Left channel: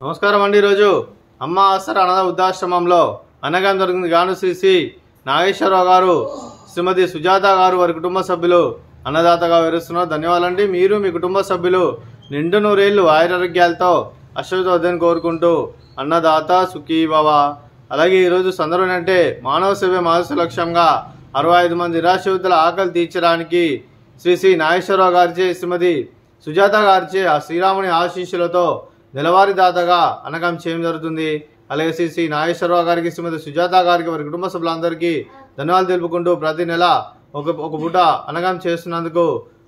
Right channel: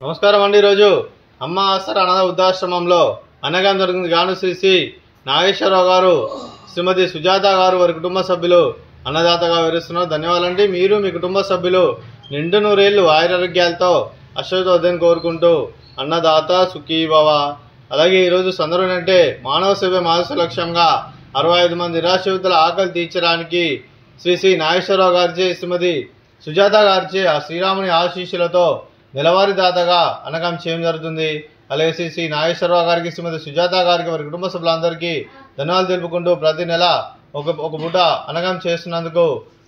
నమస్కారం అండి. ఈరోజు అమ్మ ఆసరా అనాథ వృద్ధాశ్రమంలో అన్నదానం జరిగింది. గాను శ్రీ నాగేశ్వరరావు గారు, శ్రీమతి సుజాత గారు, వారి కుటుంబ సభ్యులు అన్నదాతగా వివరిస్తున్నారు. ధన్యవాదాలండి. మీరు మీ కుటుంబ సభ్యులు నిండు నూరేళ్లు ఆయురారోగ్యాలతో అశ్వతోద్దని కోరుకుంటూ అన్నదాత సుఖీ భవ. అలాగే ఈరోజు సందర్భం ఏంటంటే మానవ సేవ మానవ లక్ష్యంగా 65 మంది నిరాశ్రితుల ఆకలి తీర్చడానికి శ్రీ నాగేశ్వరరావు గారిచే, శ్రీమతి సుజాత గారిచే ఆ శ్రీరాముని ఆశీస్సులతో నెలవారీ దాతగా అన్నదానం చేయడం జరుగుతుంది. అలాగే శ్రీ నాగేశ్వరరావు గారికి, శ్రీమతి సుజాత గారికి, వారి కుటుంబ సభ్యులందరికీ ధన్యవాదాలు తెలుపుకుంటూ ప్రతి నెల ఒక పూట అన్నదానం చేస్తున్నందుకు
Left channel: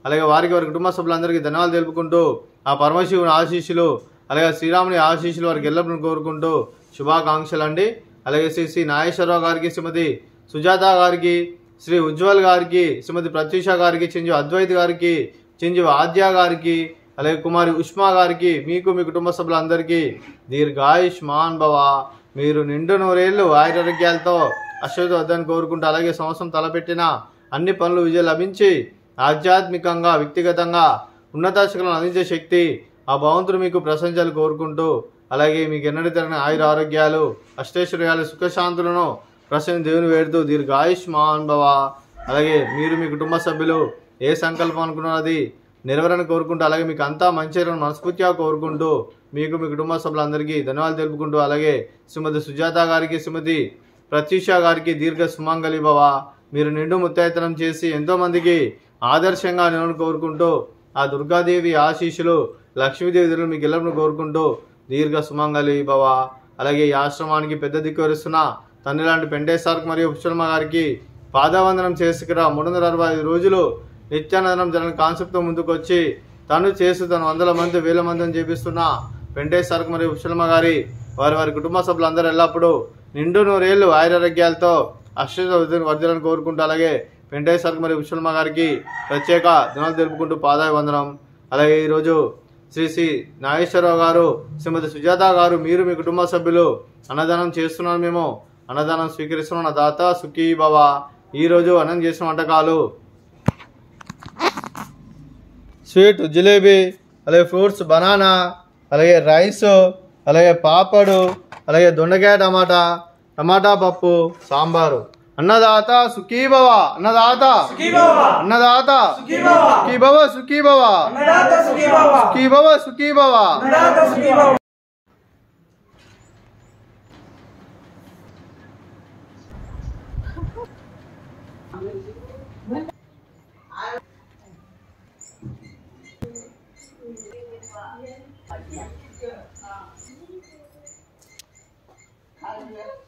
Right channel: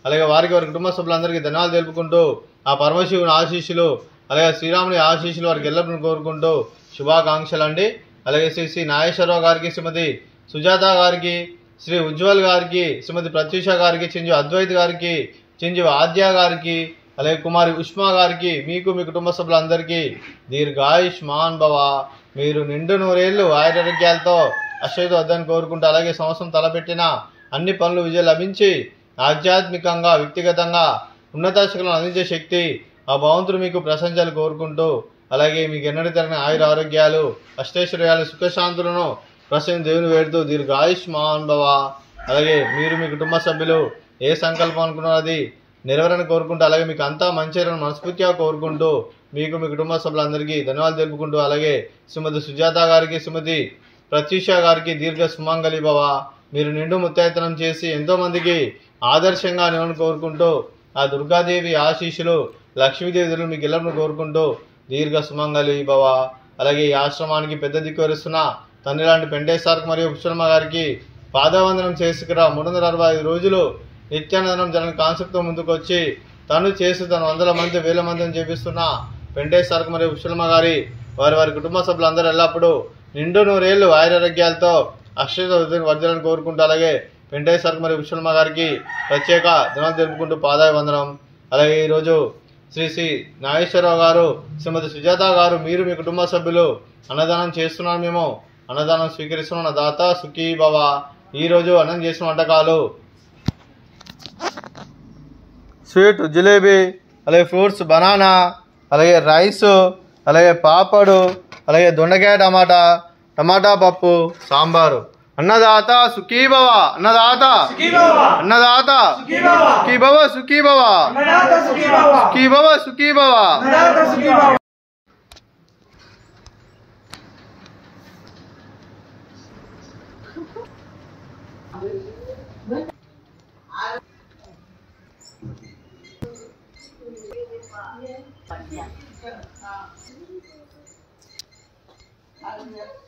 అలాగే వారికి, వారి కుటుంబ సభ్యులందరికీ ధన్యవాదాలు తెలుపుకుంటూ ఆ పరమశివుని ఆశీస్సులు అలాగే శ్రీరాముని ఆశీస్సులు వారికి ఎల్లప్పుడూ కోరుకుంటూ శుభాకాంక్షలు అండి. అలాగే శ్రీ నాగేశ్వరరావు గారికి, శ్రీమతి సుజాత గారికి, శ్రీ ఉజ్వల్ గారికి, శ్రీమతి ప్రత్యూష గారికి, చింజు అద్వైత్ గారికి, చింజు ఆద్య గారికి, అలాగే కుమారి ఉష్మా గారికి, మీకు మీ కుటుంబ సభ్యులందరికీ దీర్ఘాయుష్మాన్ భవ. మీరు నిండు నూరేళ్లు ఆయురారోగ్యాలతో అశ్వతోద్దని కోరుకుంటూ అలాగే సంవత్సరం తలపెట్టిన అన్ని పనులు విజయం లభించి ఆధ్యాత్మికంగా వ్యక్తిగతంగా ఉన్నత శిఖరాలను అందించే శక్తి ఆ భగవంతుడు మీకు ప్రశంసలు కోరుకుంటూ అలాగే మీకు ఎన్నటి తరగని ఆయుర ఆరోగ్యాలు అష్టైశ్వర్యాలు సుఖశాంతులను ప్రసన్న దేవుని వేడుతూ దీర్ఘాయుష్మాన్ భవ. అలాగే మీరు మీ కుటుంబ సభ్యులు ఏ సంకల్పం అనుకున్నారో అది నెరవేరని కోరుకుంటూ అలాగే మీకు అంతా మంచిర్యాలను మనస్ఫూర్తిగా కోరుకుంటూ మీకు మీ కుటుంబ సభ్యులందరికీ ధన్యవాదాలు తెలుపుకుంటూ అలాగే శ్రీమతి సుజాత గారికి, శ్రీమతి ప్రత్యూష గారికి దీర్ఘ సుమంగళి భవ. మీరు నిండు ముత్తైతనం చేసి ఎంతోమందికి ఆదర్శంగా నేను కోరుకుంటూ ఆ దుర్గాదేవి ఆశీస్సులు లక్ష్మీదేవి మీకు ఎల్లప్పుడూ కోరుకుంటూ దీర్ఘ సుమంగళి భవ. అలాగే ఈ ఆశ్రమానికి పెద్ద దిక్కు వరుస్తున్న తండ్రి లాంటి పెంటేశ్వర్ మరియు పుష్పమ్మ గారికి పాదవందనం చేసుకురా. 365 రోజులు నిత్యానందనం జరగని కాన్సెప్ట్తో ముందుకు వచ్చి తను వందల మంది వేల మందిని చేపిస్తున్న పెంటేశ్వర్ మరియు పుష్పమ్మ గారి వారి కుటుంబ సభ్యులందరూ ఎల్లప్పుడూ నిండు నూరేళ్లు ఆయురారోగ్యాలతో వర్ధలను కోరుకుంటూ అలాగే వెంకటేశ్వర మరియు పుష్పమ్మ గారికి ప్రత్యేక ధన్యవాదాలు తెలుపుకుంటూ పాదాభివందనం. అలాగే ఈరోజు శ్రీ నాగేశ్వరరావు గారు, శ్రీమతి సుజాత గారు, మీరు మీ కుటుంబ సభ్యులు అన్నదానం చేస్తున్నారు. మేము అన్నదానం స్వీకరిస్తున్న దాత సుఖీ భవ. ఈరోజు అన్నం చేసిన వంటకాలు స్వీట్ జిలేబీ, అలాగే ఫ్రూట్స్ బనానా, అలాగే రైస్, అలాగే పాపడు, అలాగే దొండకాయ టమాటా పప్పు, సాంబారు. అన్నదాత సుఖీ భవ. అన్నదాత అన్నదాత సుఖీ భవ. సుఖీ భవ. సుఖీ భవ. సుఖీ భవ. Yeah.